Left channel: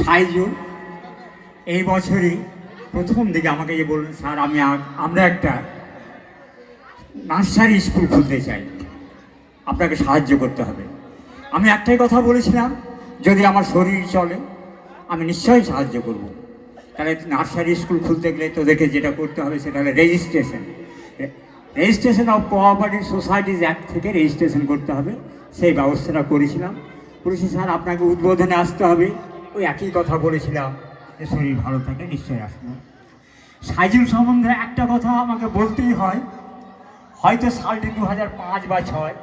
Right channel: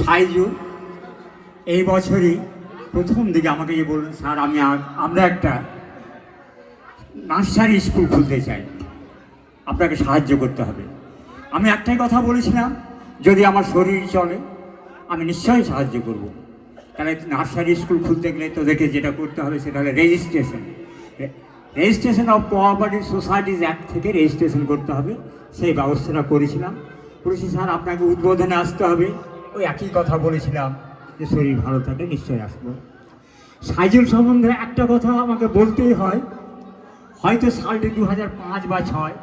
সাইজুল এই বছরই প্রথম দিকে আমাকে যে বললেন, স্যার আমরা একটা নার্সারি স্কুল খুলতে চাই, আপনাকে সাহায্য করতে হবে। আমি একটাই কথা বলেছিলাম, যদি আমার শরীর চলে আমি নিশ্চয়ই সাহায্য করব। তাহলে নার্সারি স্কুল খুলতে গেলে তোদেরকে যেটা করতে হবে সেটা হলো registration of cooperative societies act থেকে রেজিস্ট্রেশন করতে হবে। সেই ব্যবস্থাটা করেছিলাম। স্যার আপনাকে উদ্বোধনে আসতে হবে, ওই একই কথা বলেছিলাম যে শরীর ভালো থাকে নিশ্চয়ই আসলো। সাইজুল সম্বন্ধে একটা কথা আমাকে বলতেই হয়, হয়তো সালটি 2005 বা 2006,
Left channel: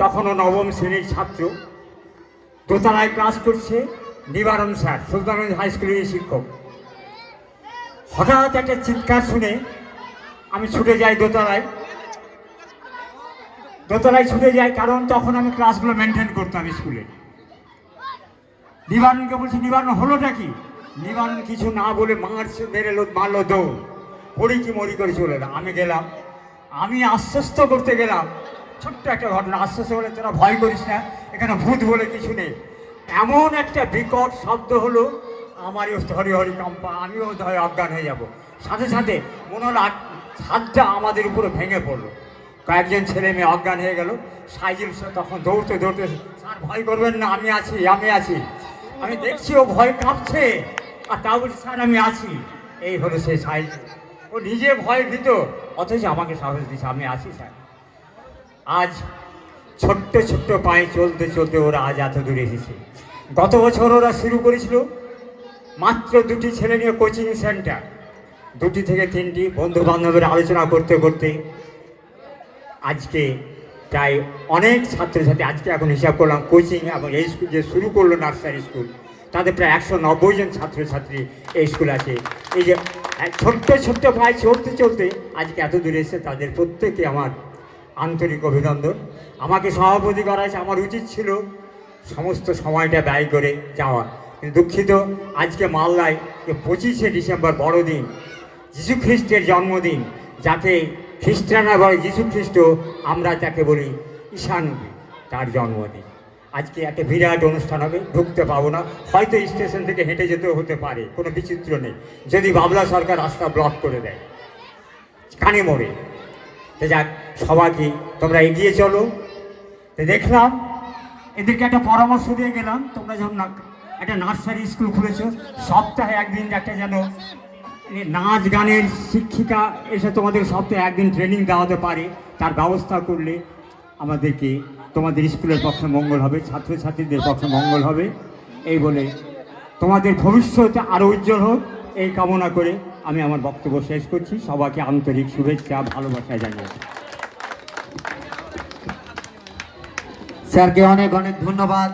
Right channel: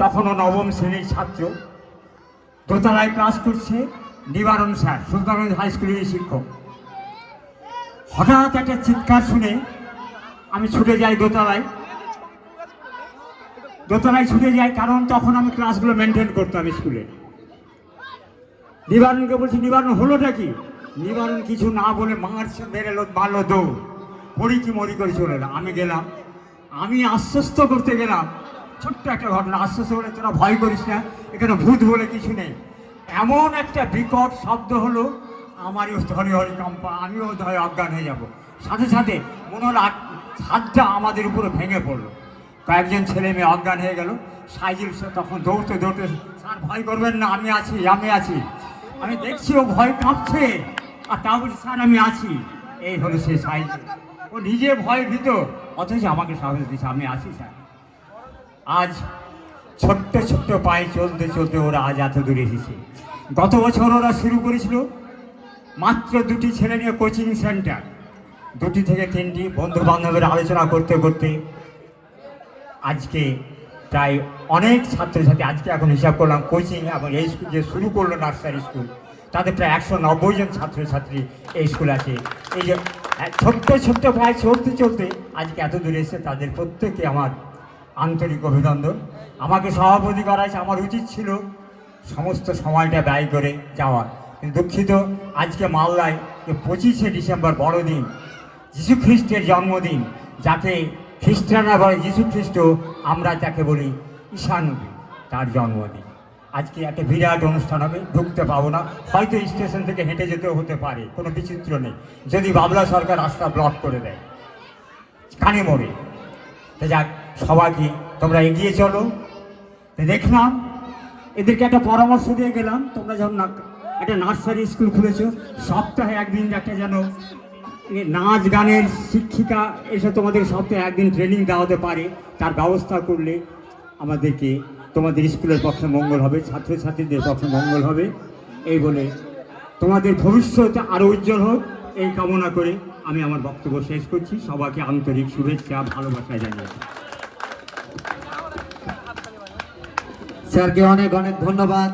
তখনও নবম শ্রেণীর ছাত্র, দোতলায় ক্লাস করছে নিবারণ স্যার, সুলতানগঞ্জ হাই স্কুলের শিক্ষক। হঠাৎ একটা চিৎকার শুনে আমি ছুটে যাই দোতলায় ছুটে যাই, কারণ তখন আমি ক্লাসগুলো মেনটেন করতাম স্কুলে। নিবারণকে বলছি, নিবারণ হলোটা কি? নিবারণ কিছু না বলে মারলো দৌড়, পড়ি কি মরি করে চলে এলো। আমি গেলাম, আমি আশ্বস্ত করতে গেলাম, ছোট্ট একটা ঘটনা, আশ্বস্ত করে তোরা ভয় করিস না, এখানে ভূত বলে কিছু নেই। এমন একটা বিকট শব্দ হলো, আমারই হরি হরি কম্পা, আমিও ধরে অজ্ঞান হয়ে যাব। সাথে সাথে মনে হলো ছাদটা আমাদের উপরে ভেঙে পড়লো, কয়েকজন ছেলে মেয়ে অজ্ঞান হয়ে গেল। সাইজুল তখন দৌড়তে স্যার ভয় করবেন না, আমি আছি। আমি দেখছি ও ভয় কাঁপছে, আর তা বলছি স্যার আমি আছি। এই হলো সে সাইজুল, ও নিজে ভয় ভীত, অথচ আমাকে সাহস দিচ্ছে আমি আছি স্যার। আজ ছোট্ট পায়ে চলতে ওরা আজ এত দূরে এসেছে। গত বছর ওরা শুরু করেছিল মাত্র 2টি ছেলে নিয়ে কোচিং সেন্টার, 2টি থেকে 3টি বন্ধু বান্ধবের আলোচনা করতে আজকে প্রায় অনেক ছাত্রছাত্রী, আজকে এখন হিসাব করলাম কোচিং এবং এই স্কুল যে শুরু করলো নার্সারি স্কুল, তাদের প্রায় 190 জন ছাত্রছাত্রী এই স্কুলে আছে। এই যে ছোট্ট পায়ে চলতে আজকে এত দূরে এসে তাদের প্রত্যেকে আমার আন্তরিক অভিনন্দন। আমাকে সভাপতি করা হয়েছে, আমার উচিত ছিল সমস্ত সময়টা ব্যয় করে যাওয়া, কিন্তু দুঃখিত। আজকে মালদায় 25শে ডিসেম্বর বড়দিন, যীশু খ্রিস্টের জন্মদিন, যাকে খ্রিস্টানরা বলে যীশু খ্রিস্ট, আমরা যাকে বলি ঈশানবী, তার জন্মদিন। আজকে একটা বিরাট অনুষ্ঠান হবে, ঢুকতে পাবো না, হয়তো স্টেশন থেকে হেঁটে যেতেও হতে পারে, কোনো বিচিত্র নেই, যদি বাবলা সরকার রাস্তা ব্লক করে দেয় কানে মোড়ে। যাক, সবাইকে তোমরা এগিয়ে চলো। দেখলাম এদেরকে একটা পরামর্শ দিয়ে গেলাম, তোমরা যখন একটা নার্সারি স্কুল খুলেছো, সপ্তাহে একদিন একটা যেন নাচ গানের শিক্ষিকা এসে তোমাদের সপ্তাহে একদিন ট্রেনিং দেওয়াতে পারে, তার ব্যবস্থা করলে আমাদেরকে তোমাদের স্কুলের পক্ষে মঙ্গল হবে, ছাত্রছাত্রীদের পক্ষে মঙ্গল হবে। এই বলে তোমাদের ভবিষ্যৎ আরও উজ্জ্বল হোক এই কামনা করে আমি আমার বক্তব্য শেষ করছি। সবাইকে আন্তরিক শুভেচ্ছা, ভালোবাসা জানিয়েছি। স্যারকে অনেক ধন্যবাদ।